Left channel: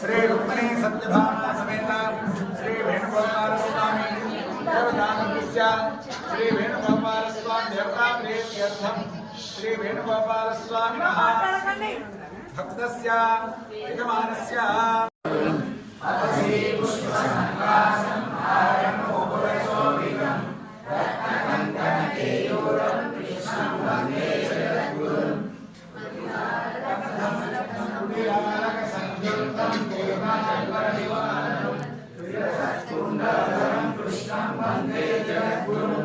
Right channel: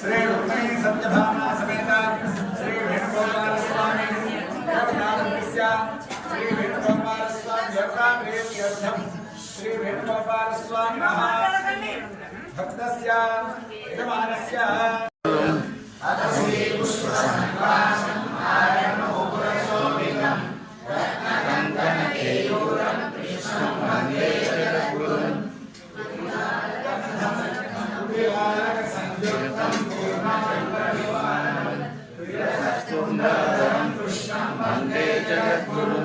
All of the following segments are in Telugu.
श्री रुक्मणी सत्यभामा समेता श्री वेणुगोपाल स्वामी श्री वेणुगोपाल स्वामी देवता प्रीत्यर्थम श्री वेणुगोपाल स्वामिनः भक्तस्य, यजमानस्य। స్వామి కృష్ణం. వందే జగద్గురు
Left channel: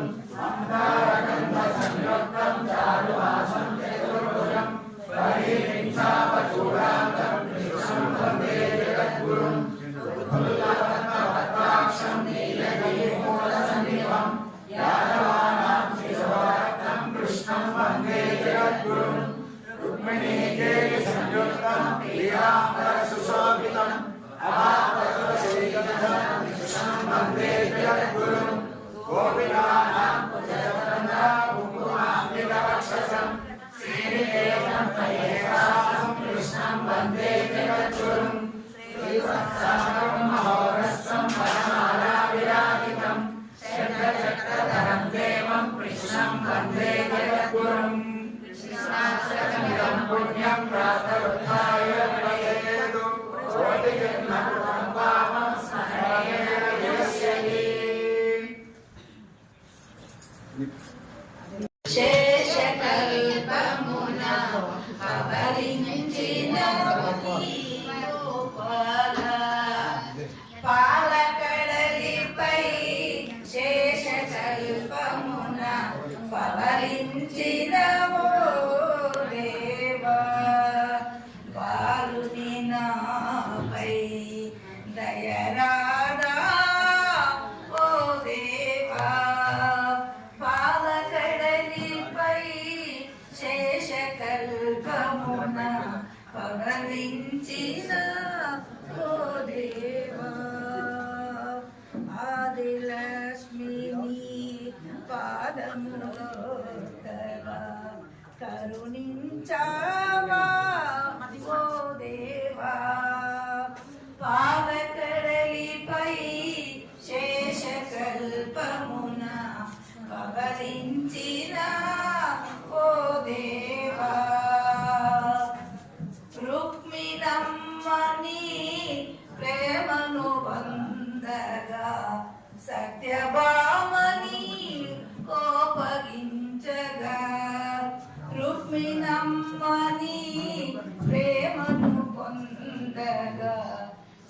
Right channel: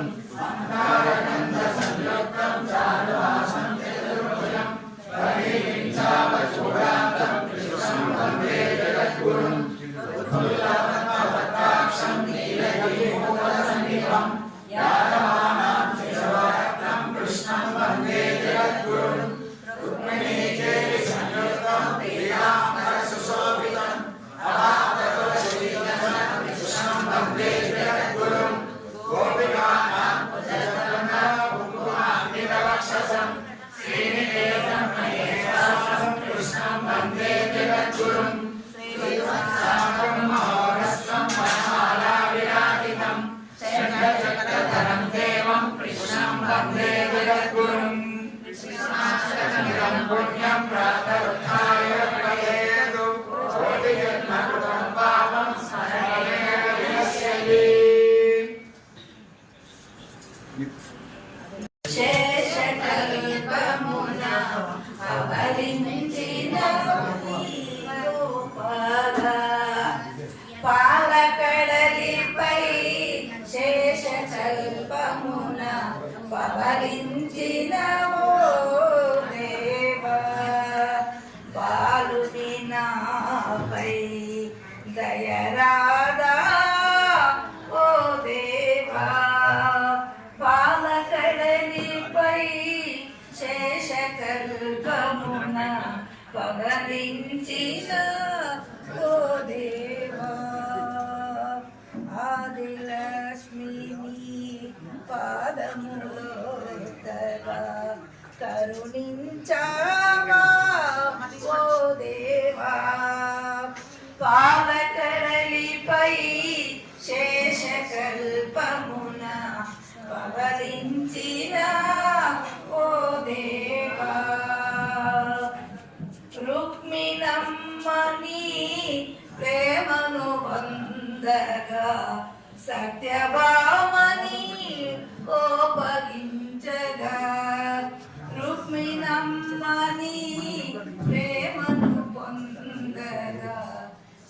పొందగా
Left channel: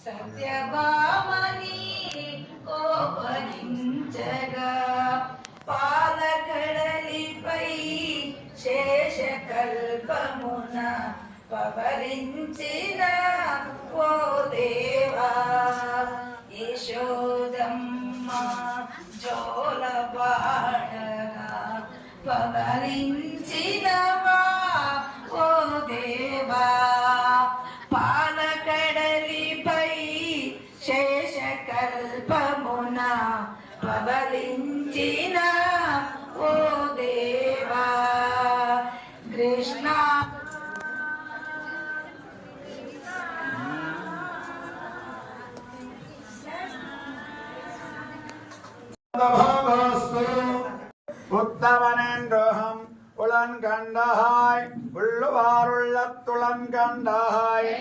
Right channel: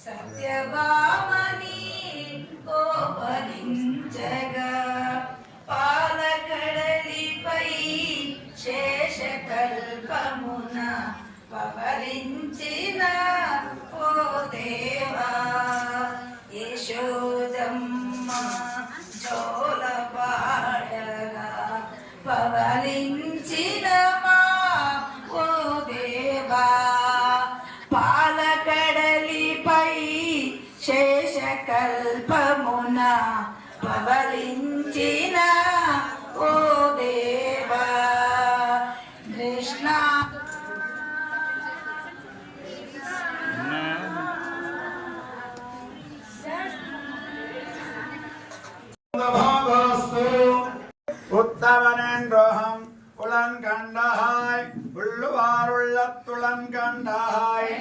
సత్యభామని కోపగించగా పాలకడలిపై శేషకల్పమున పవలించిన ఓ దేవా యశోదమ్మ జోలపాడగా శేషకల్పమున పవలించిన ఓ దేవా కృష్ణ భావస్తు உத்தமனென்றோகம் உளங்கண்டஹாய் உள்ளுவாருள்ளத்துளங்கண்டஹாய்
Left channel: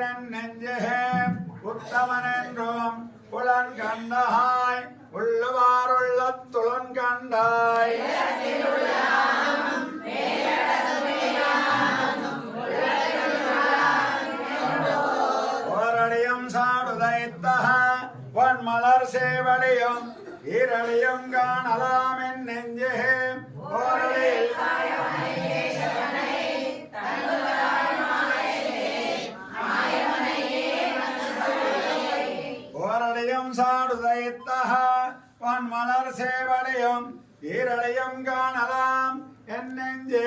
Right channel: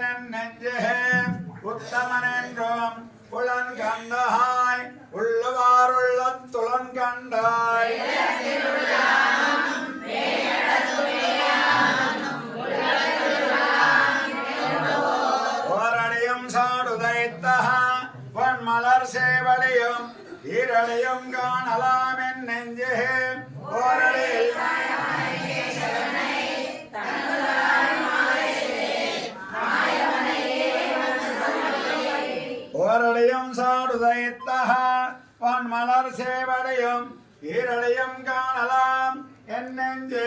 நம் நெஞ்சே உத்தமனென்றோம் புலன் கண்டாய் உள்ளவாறுள்ள துளம் கண்டாய் போரடியும் சாடுதைத்தகா வன் மலர் சேவடியும் வீரடியும் காணலாம் என் நெஞ்சே. போரடி நினைத்தக உன் மலர் சேவடையும் வீரடையும் காணலாம். என் நெஞ்சே.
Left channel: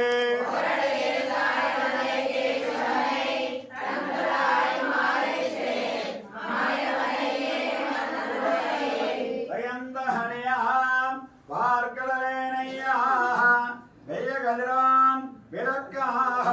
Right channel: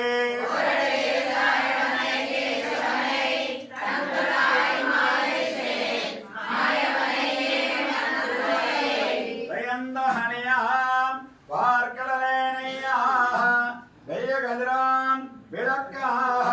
வெய்ய கதிரான் விளக்காக